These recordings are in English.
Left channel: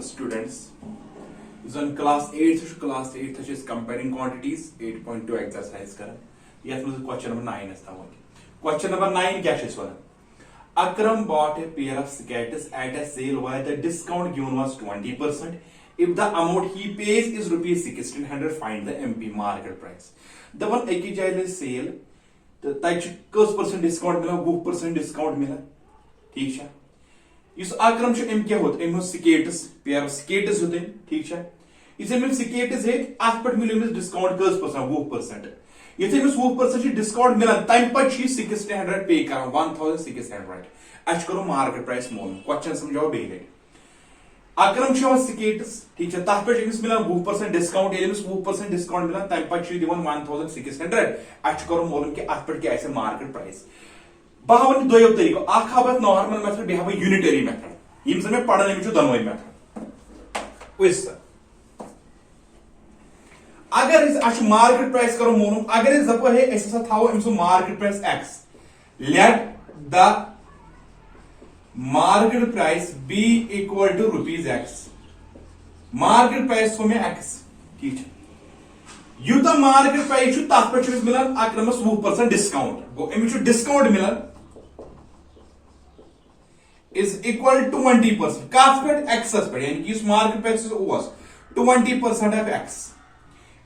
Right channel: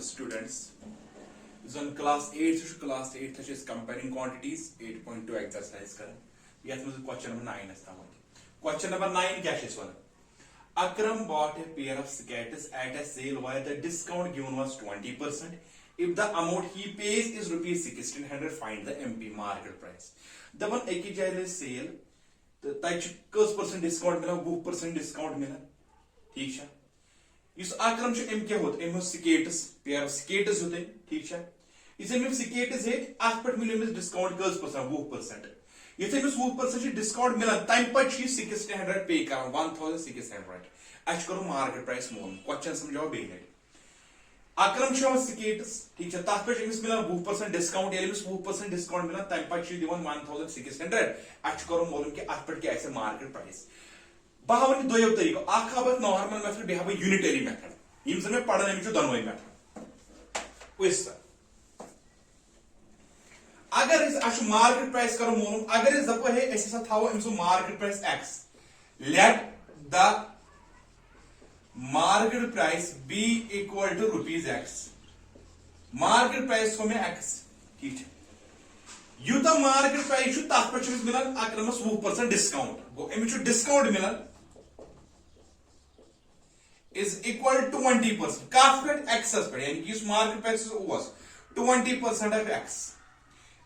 Students, zone class 8 is comparing quantities 8.2 exercise kar yat mujhe question number 9 is thawan question number 9 kya is wana Akram bought a pair of skates at a sale where the discount given was 20%. If the amount he pays is rupees 1600, find the MP market price. The one एक जाए sale तो ताकि किस percent discount मिला 20% discount मिला ठीक है इस आक्रम से एम क्या होता है एम स्केट्स पेयर ऑफ स्केट्स होते हैं ठीक है इसे में स्केट्स है आठ पर मिले में डिस्काउंट किस परसेंट 20% इसे में 20% डिस्काउंट मिला टाइम पर शी 1600 पे कर 1600 आज करो मार्केट प्राइस मोल क्वेश्चन समझाओ बेले आक्रम से स्केट्स ठीक है ताप पर इस मिला 20% डिस्काउंट एलिमिस 20% डिस्काउंट मिला टाइम पर शी दिवन 1600 आज करो मोल के आठ पर क्या ऐसे मार्केट प्राइस बहावन दोयो तरीको आख हाबत नॉर्मल मेथड बे हाबत यूनिटरी मेथड यम समय पढ़ने में दोनों मेथड उस अगर इस अश मार्केट प्राइस करो मोनो अगर इस दपो है ऐसा थाओ इमसो market price x let the market price be equal to rupees x market price को में x ठीक है युता मार्केट प्राइस तथ पे मिलान अक्रमस 20% डिस्काउंट गो अमिच डिस्काउंट मिलान is equal to 20% कथ पे एक्सस पे यानी कि इस मार्केट प्राइस ओस 20% ऑफ x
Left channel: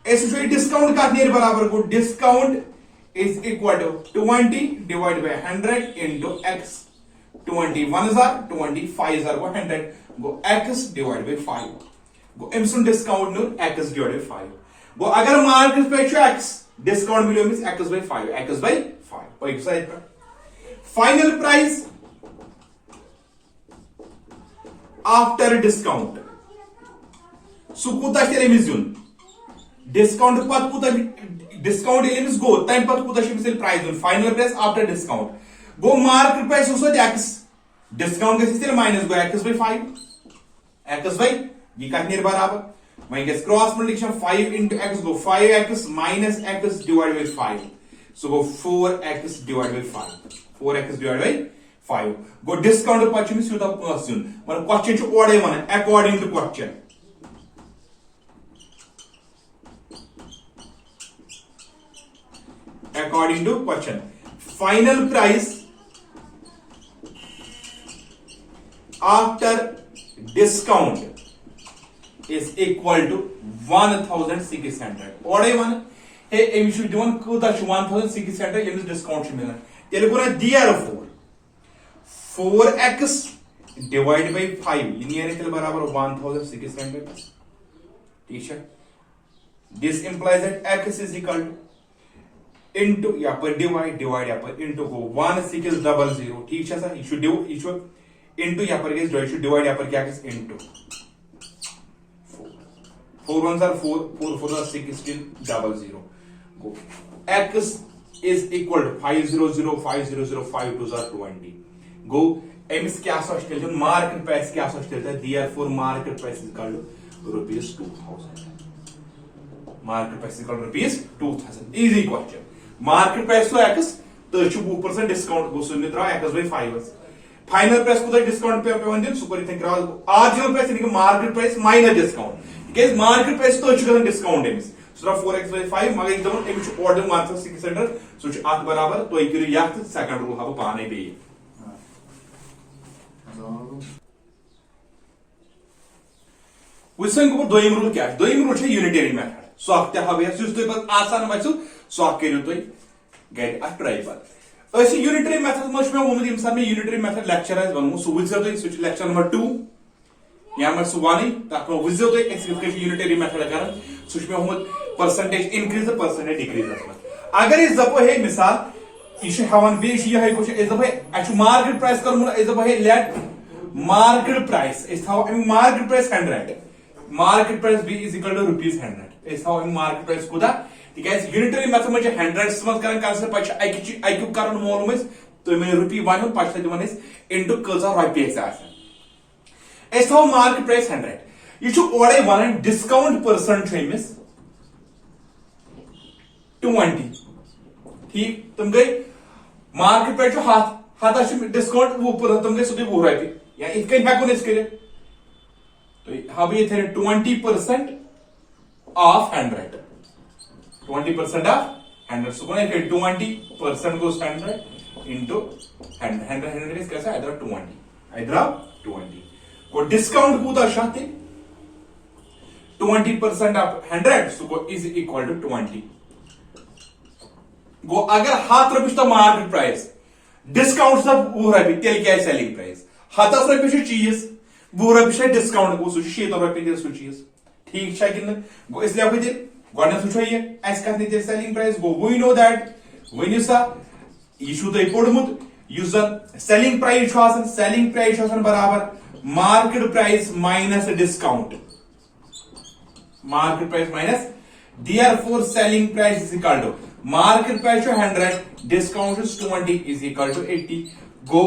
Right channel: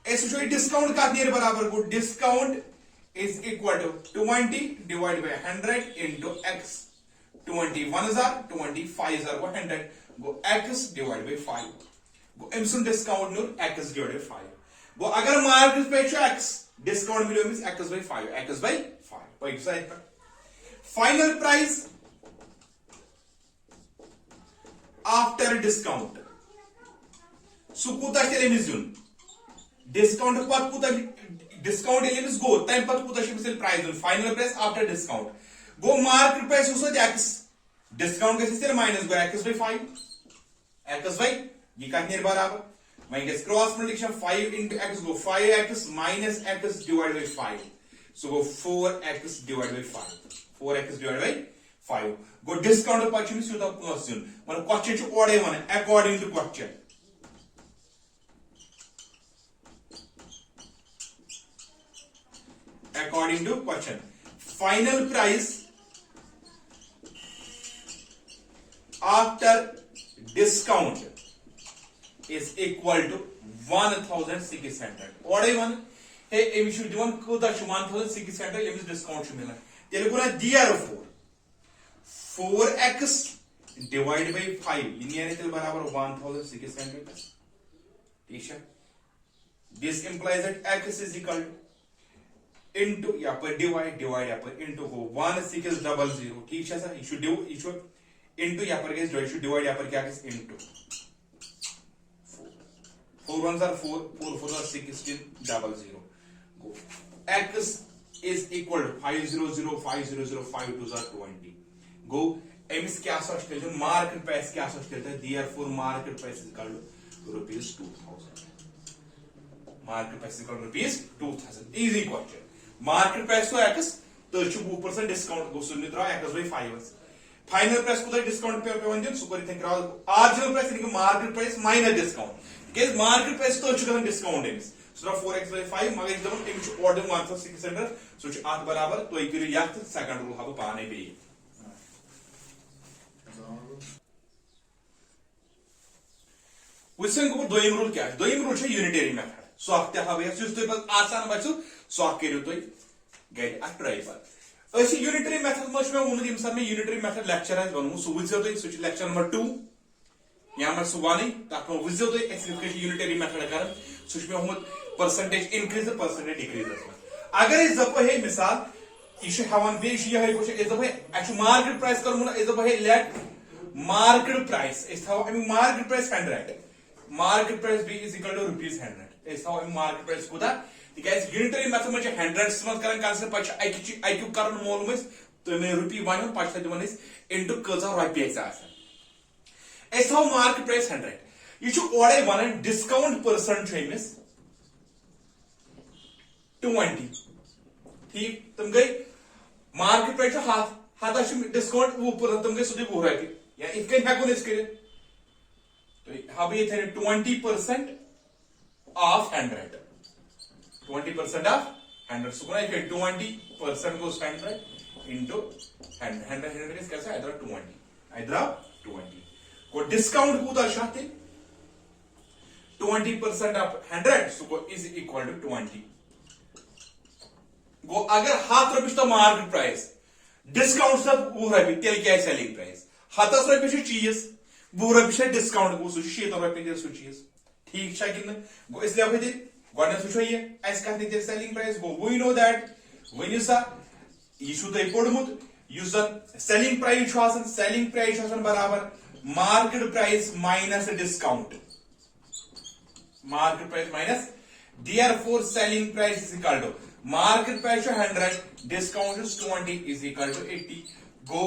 ऐसे जो डिस्काउंट का नियर बराबर को discount is equal to 20 divide by 100 into x 21,000 25,000 को 100 गो x डिवाइड बाय 5 गो इमसुन डिस्काउंट नु x डिवाइड बाय 5 गो अगर मार्केट पे x डिस्काउंट मिलो मिस x बाय 5 x बाय 5 कोई साइड पर फाइनल प्राइस आफ्टर डिस्काउंट सुकुता के लिमिट जुन डिस्काउंट पत कुता डिस्काउंट एलिमिस गो टाइम पत कुता शिपिसल प्राइस जुन फाइनल प्राइस आफ्टर डिस्काउंट गो मार्केट प्राइस उसो x डिस्काउंट के system minus go x by 5 x bye ये कितने बराबर वहीं के cross multiplication 5 into x go 5x minus x divided by 5 so go 4x divided by 5 4x divided by 5 गो discount पर छिन सुदा क्वेश्चन मतलब क्वेश्चन छ ओडे मन according to question according to question final price after discount is equal to 1,600 ओडे one हे एम शुड दिवन कोता 1,600 एम डिस्काउंट छ मिला तेरे को ना therefore 4x divide by 5 linear equal बराबर 1,600 ठीक है this implies that x is equal to into या पर डिवाइड या पर into को 1600 ठीक है सर इशू into या पर गेस डिवाइड या पर क्या guess into 4 1s are 4 4 4 are 1600 go x is equal to 500 500 5 2s are 20 go amiss क्या सोचते हैं मार्केट प्राइस क्या सोचते हैं therefore market price is equal to rupees 2000 market price is equal to rupees 2000 easy question market price तो x तो 20% discount गो सुन त्रा x by 5 final price को डिस्काउंट पे वन दिन super Ethan cross original price यानी कि market price minus discount case market price तो छ डिस्काउंट एमिस सो 4x बाय 5 मगर दोन एमिस ऑर्डर 1600 सो छ 8 बराबर तो एक यात सेकंड रूल हाबो पाने बे वसन को दोयम रूल क्या दोयम रूल है यूनिटरी मेथड सो आप क्या हवे सुस तो बस आसान बसु सो आप करियो तो गैड अ ट्राई पर ऐसे यूनिटरी मेथड मच में उम्मीद इंसान में यूनिटरी मेथड लेक्चर है बनू सो विजो तो स्विच लेक्चर नंबर 2 यहां में सुवानी ताको विजो तो एक्सप्लिकेशन यूनिटरी मेथड कर स्विच में उम्मीद percentage increase the percentage decrease अगर इस दपो है मिसाल इशे हवन बे इशे है कुछ इस दपो एक्चुअली मार्केट प्राइस कर मुला इस दपो है लेट मार्केट प्राइस इस थाउ market price 100 market price be is equal to rupees 100 इस थाउ मार्केट प्राइस कोदा because unitary method में 100s मत करन कंसीडर पछ आईक्यू करन मोल में तो मैं रुपी वन पे दिवान इंटू कजा रुपये थो मार्केट प्राइस 100 यह ओडे वन डिस्काउंट परसेंट अमिस 20 ठीक तुम गई मार्केट प्राइस हाथ डिस्काउंट 20% तुम गई सुधी 20 रुपये या इत हेको कर तो हम ये 20% of 100 20% of 100 so 20% goes 100 into 100 is कैसा इधर 20 को डिस्काउंट कूदा शाते 20% ऑफ 100 सो को इज इक्वल टू 20 गो अगर हाथ रुपये तो मार्केट प्राइस डिस्काउंट सब 20 रुपये तेल क्या सेलिंग प्राइस हाथस रुपये चीज 20 रुपये डिस्काउंट गो सह 7 रुपये सह चीज ठीक कि गो इसलिए अब गो ये कत सेलिंग प्राइस गो वी नो दैट वन सा यह पोर्मुत सेलिंग प्राइस बराबर market price minus discount market price minus therefore selling price is equal to market price 100 discount is 20 is equal to 80 go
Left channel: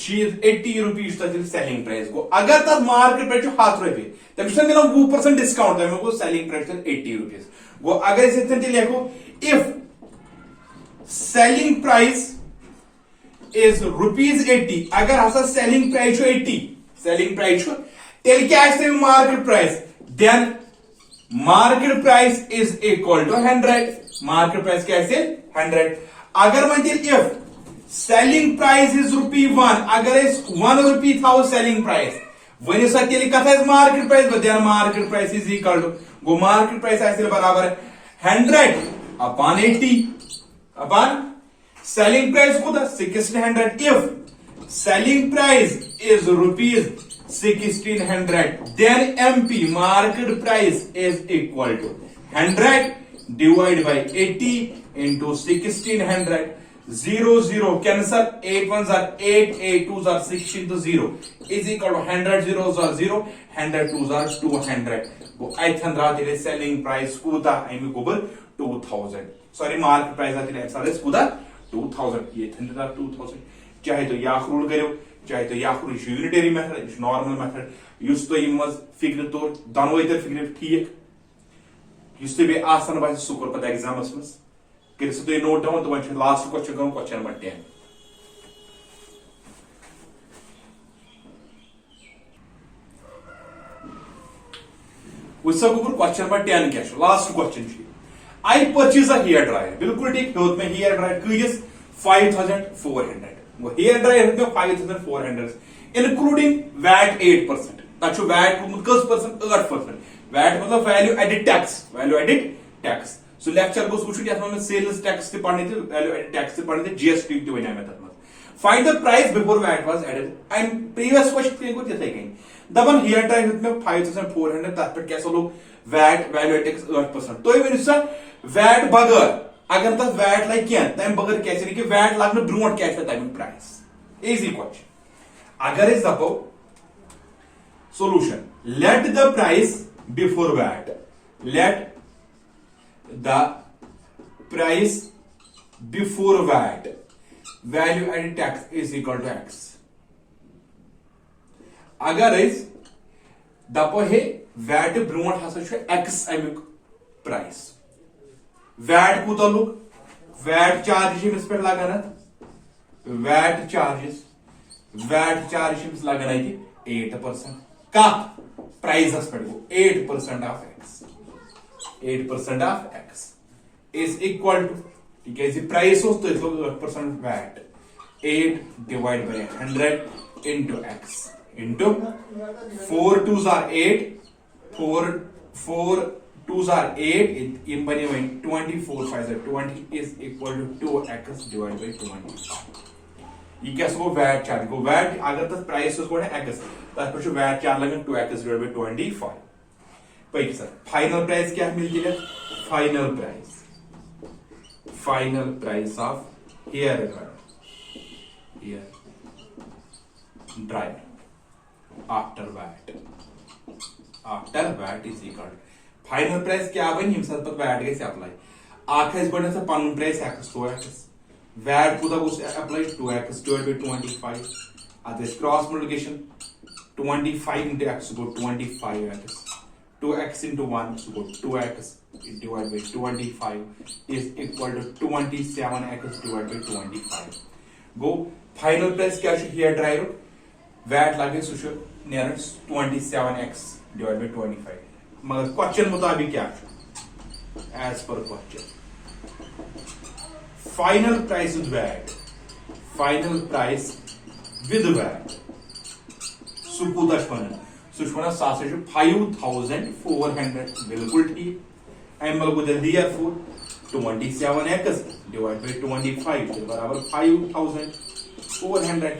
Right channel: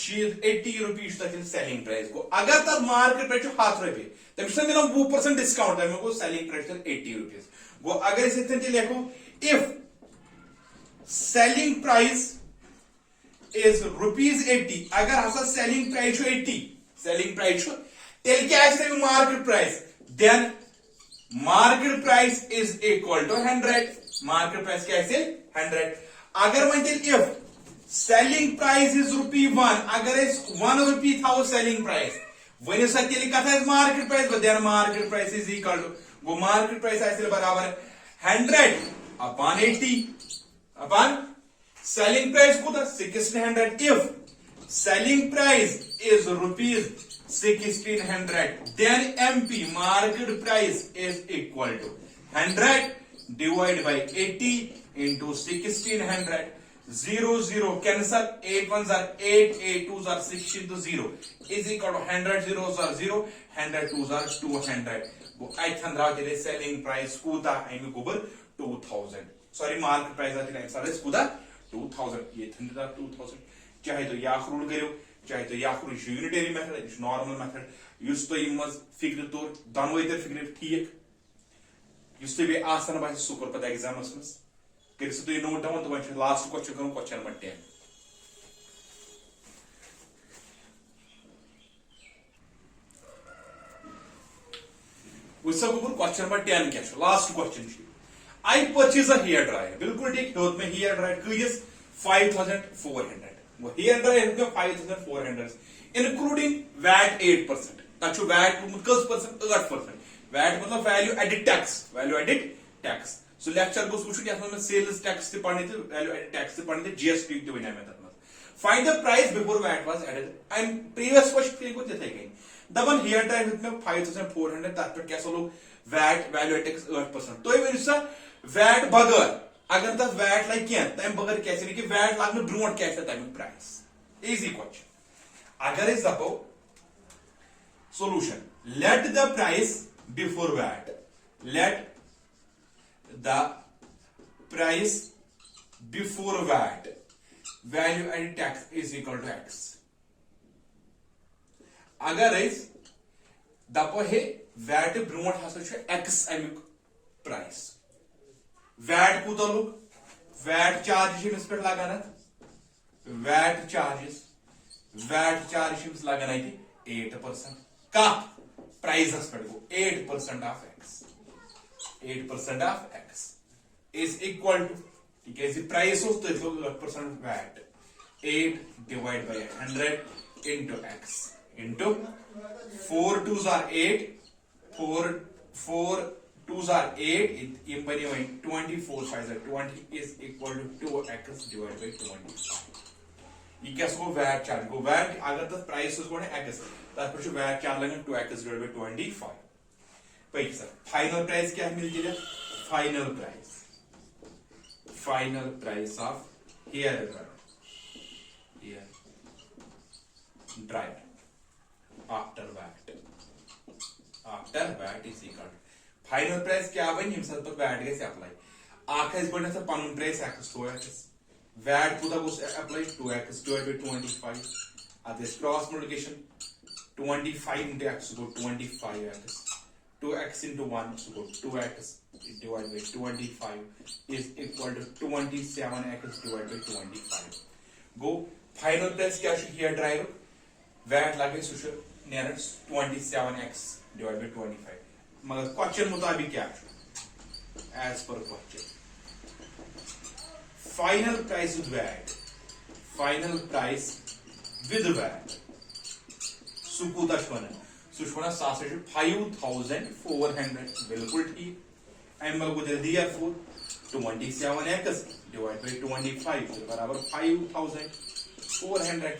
80 rupees selling price go अगर तब market price हाथ रुपये तब मिला 20% डिस्काउंट तब सेलिंग प्राइस 80 रुपीज गो अगर इसे लिखो इफ सेलिंग प्राइस इज ₹80 अगर हसा सेलिंग प्राइस 80 सेलिंग प्राइस तेल क्या market price then market price is equal to 100 market price क्या 100 अगर वन इफ सेलिंग प्राइस इज ₹1 अगर ₹1 थो सेलिंग प्राइस वन सा कत market price then market price is equal to गो मार्केट प्राइस बराबर 100 upon 80 upon selling price kuda 1600 if selling price is ₹1600 then MP market price is equal to 100 divided by 80 into 1600 0 cancel 8 1s are 8 8 2s are 16 to 0 is equal to 100 zeros are 0 100 2s are 200 go I selling price kuda I gober 2000 sorry market price kuda 2000 ये 2000 चाहे तो याक rule करो चाहे तो याक rule unitary method normal method युस तो मज फिक्र तौर दोनों तर फिक्र ठीक युस तो बे आसान बास सु कोर पता एग्जामस मस कर सु तो नोट डाउन तो वन लास्ट क्वेश्चन करो क्वेश्चन नंबर 10 उसका ऊपर क्वेश्चन नंबर 10 क्या last question I purchase a hair dryer बिल्कुल ठीक तो में hair dryer कईस 5400 वो hair dryer है 5400 including VAT 8% ताकि VAT कस परसेंट 8% VAT मतलब value added tax so lecture गोस कुछ क्या में sales tax ते पढ़ने थे value added tax ते पढ़ने थे GST ते वने में तक find the price before VAT was added and previous question को देते हैं दबन hair dryer में 5400 तक पे कैसे लोग VAT value added tax 8% तो ये मिलता वैट बगर अगर तक वैट लग तम बगर क्या कि वैट लगने ब्रोट क्या तमिक प्राइस इजी क्वेश्चन अगर दपो solution let the price before VAT let the price before VAT value added tax is equal to x अगर दपो हे वैट ब्रोट हसा एक्स अमिक प्राइस वैट कूत लुक वैट चार्जेस पे लगाना वैट चार्जेस लगाना 8% का प्राइस पे 8% of x is equal to ठीक है प्राइस हो तो 8% VAT 8 divide by 100 into x into 4 2s are 8 4 2s are 8 in 24 5 are 20 is equal to 2x divided by 20 ये क्या सो वैट चार्ज को वैट अगर तक प्राइस को x तब पे वैट चार्ज लगन 2x divided by 25 पैक सर फाइनल प्राइस क्या मिल गया final price of hair dryer after VAT is equal final price क्या बन वैट गई अप्लाई पन प्राइस एक्स तो एक्स वैट कूता गोस अप्लाई 2x डिवाइड बाय 25 अद cross multiplication 25 into x go 25x 2x into 1 so 2x divided by 25 is equal to 27x divided by 25 go final price क्या here drive VAT लगे सु near 27x divided by 25 मगर question मुताबिक क्या as per question final price with VAT final price with VAT सु कूता one सह 5400 बिल्कुल ठीक अम गो therefore 27x divided by 25 बराबर 5400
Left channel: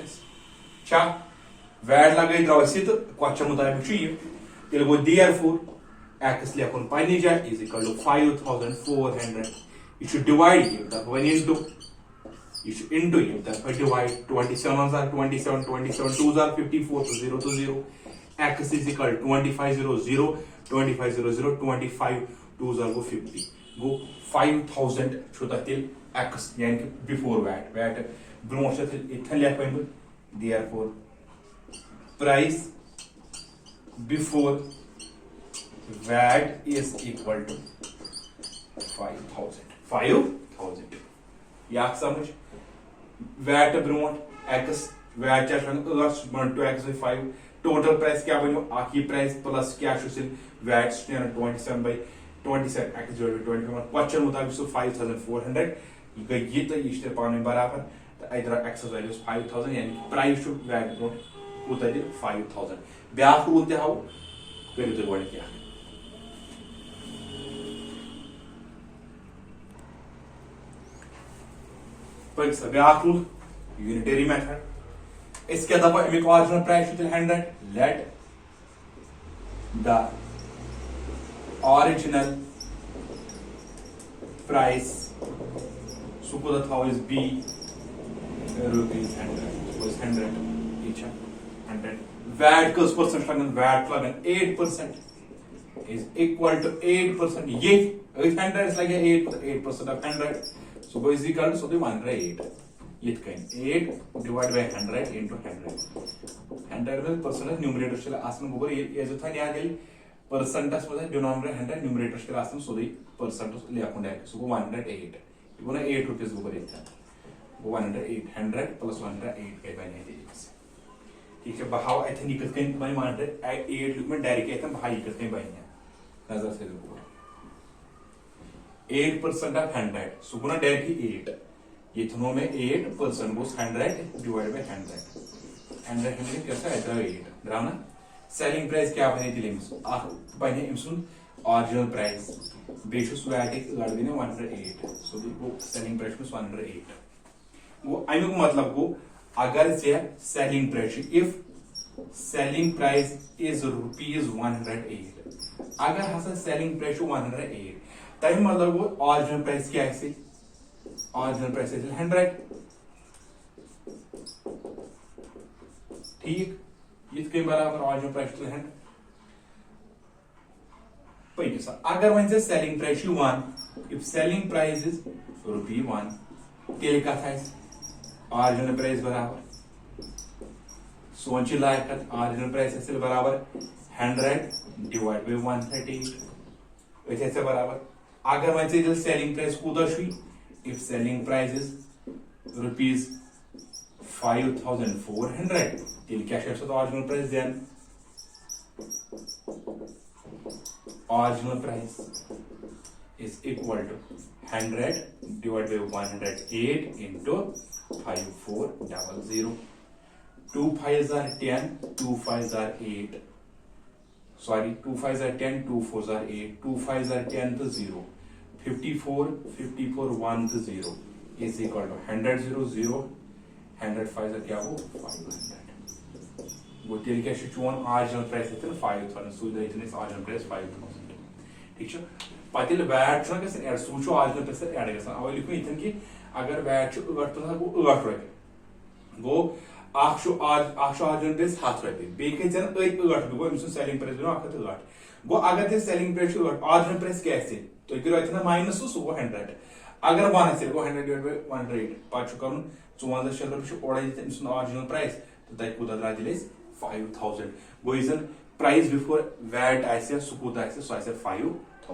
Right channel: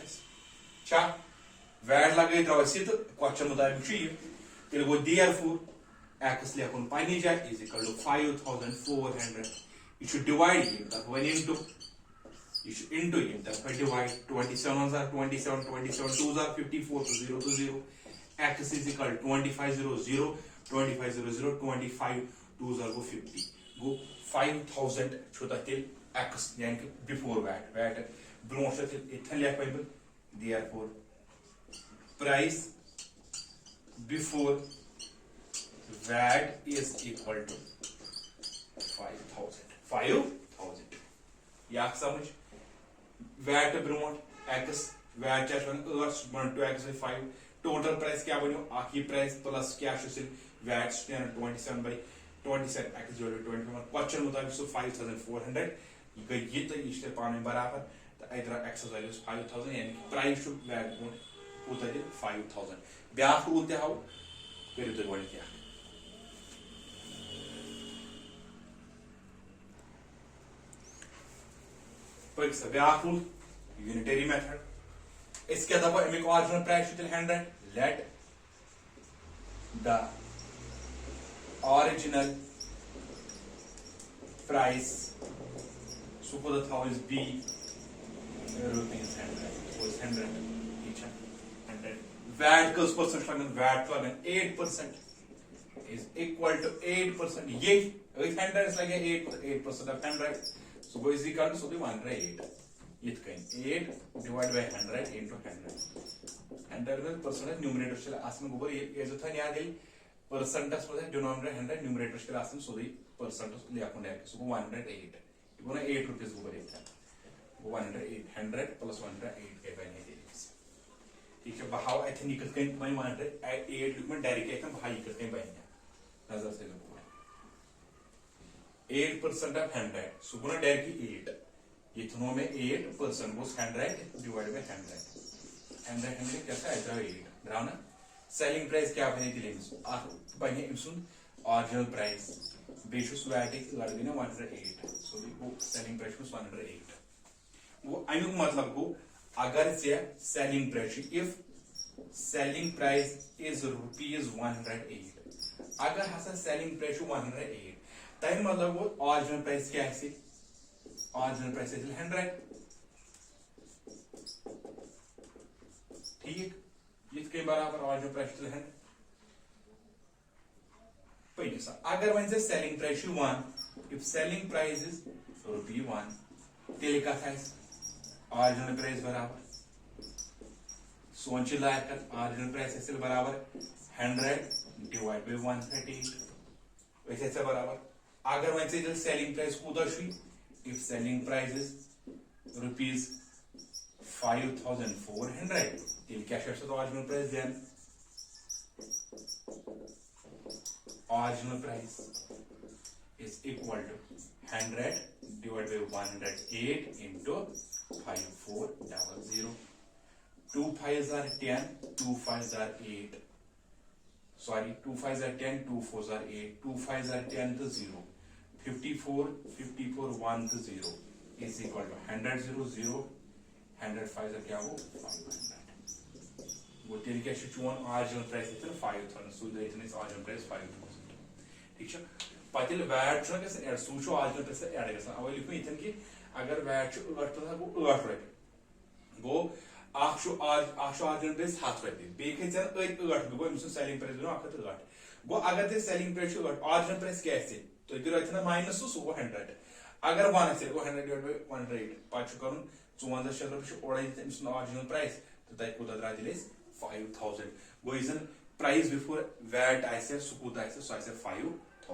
छा वैट लगे द्रव तो क्वेश्चन मुताबिक तेल गो therefore x लेखुन पन्नी जाए is equal to 5400 यह डिवाइड वन इंटू यह into divide 27 are 27 27 2s are 54 so 0 to 0 x is equal to 2500 2500 25 2s are go 50 go 5000 छुता तेल x यानी कि बिफोर वैट ब्रोन से इथन लेख one therefore price before VAT is equal to 5000 या समझ VAT brown x VAT क्या 8 to x by 5 total price क्या बनो आखी प्राइस प्लस क्या VAT 27 by 27 x divided by 25 question मुताबिक सो 5400 गई ये तो ये पाने बराबर तो इधर x वैल्यू 5000 यानी प्राइस टू वैट ब्रोन कूता 5000 ब्याक रूल ते हाउ करियो तो गोल क्या पर ब्याक रूल यूनिटरी मेथड इसके दफा अमिक original price 100 let the original price सुको द थाउ is be rupees 100 each 100 VAT कस परसेंट लगन वैट लगन 8% is equal to 8% ये 100 is like 8% of 100 so is equal to so the 108 it can 8 divided by 100 into 100 में percentage numerator चला आसन गोबर ये जो था याद है percentage मतलब denominator 100 numerator चला आसन so the percentage ले अपन डायरेक्ट so 108 ये बोला 8 रुपीस गोबर इतना 108 100 plus 108 के बने ठीक है बहाव ऐसे निकल के मैं मान रहे 8 लुक में डायरेक्ट ऐसे भाई निकल के बने नजर से लोग 8% of 100 so गुना डायरेक्टली 8 ये दोनों में 8% गोस 100 डिवाइड बाय 100 100 कैसा है 8 बराबर सेलिंग प्राइस क्या बने दिले बने इमसुन ओरिजिनल प्राइस बेशुस वैट 108 सो वो सेलिंग प्राइस was 108 वो अमिक मतलब को अगर से selling price if selling price is rupees 108 अगर हसा सेलिंग प्राइस 108 तब मतलब वो ओरिजिनल प्राइस क्या है ओरिजिनल प्राइस इज 100 ठीक इसके बराबर ओरिजिनल प्राइस 100 पहले अगर वन से selling price 1 if selling price is rupee 1 तेल का था ओरिजिनल प्राइस बराबर सोच लायक ओरिजिनल प्राइस है बराबर 100 डिवाइड बाय 138 ऐसे बराबर अगर वन से सेलिंग प्राइस कूदा if selling price is rupees 5400 तेल क्या original price then original price is equal to 100 divided by 108 into 5400 2 5s are 10 2 5s are 8 sorry 2 5s are 10 2 4s are 8 2 5s are 10 to 0 54 1 to 0 is equal to 100 0 0 100 5s are क्या हो 500 वो तेल क्या चोन original price इतने 5000 सो इधर इतने original price 5000 ठीक है पतिल वैट छन गस ऐड सोचो ओरिजिनल प्राइस ऐड गस अवै लिखो इतन कि अगर वैट छ 8 तो गो 8 रॉय गो आखशो ओरिजिनल प्राइस 7 रॉय बे के जन 8 गो इमस सेलिंग प्राइस नो 8 गो अगर दे सेलिंग प्राइस 8 ओरिजिनल प्राइस क्या है तो इधर इतना माइनस सो 100 अगर 1 आसे 100 डिवाइड बाय 100 पाछु करून 54 रुपये ओड़ा दिस ऑरिजिनल प्राइस तो तक कूदा द्रा दिले 5000 गो इजन प्राइस बिफोर वैट आसे सु कूदा आसे सो आसे 5000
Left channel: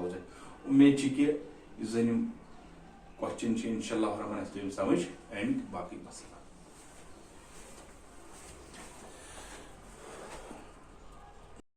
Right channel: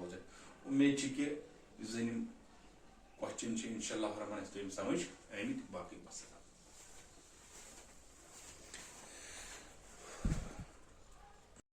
उम्मीद छी कि इजन क्वेश्चन इंशाल्लाह रहमान समझ एंड बाकी बस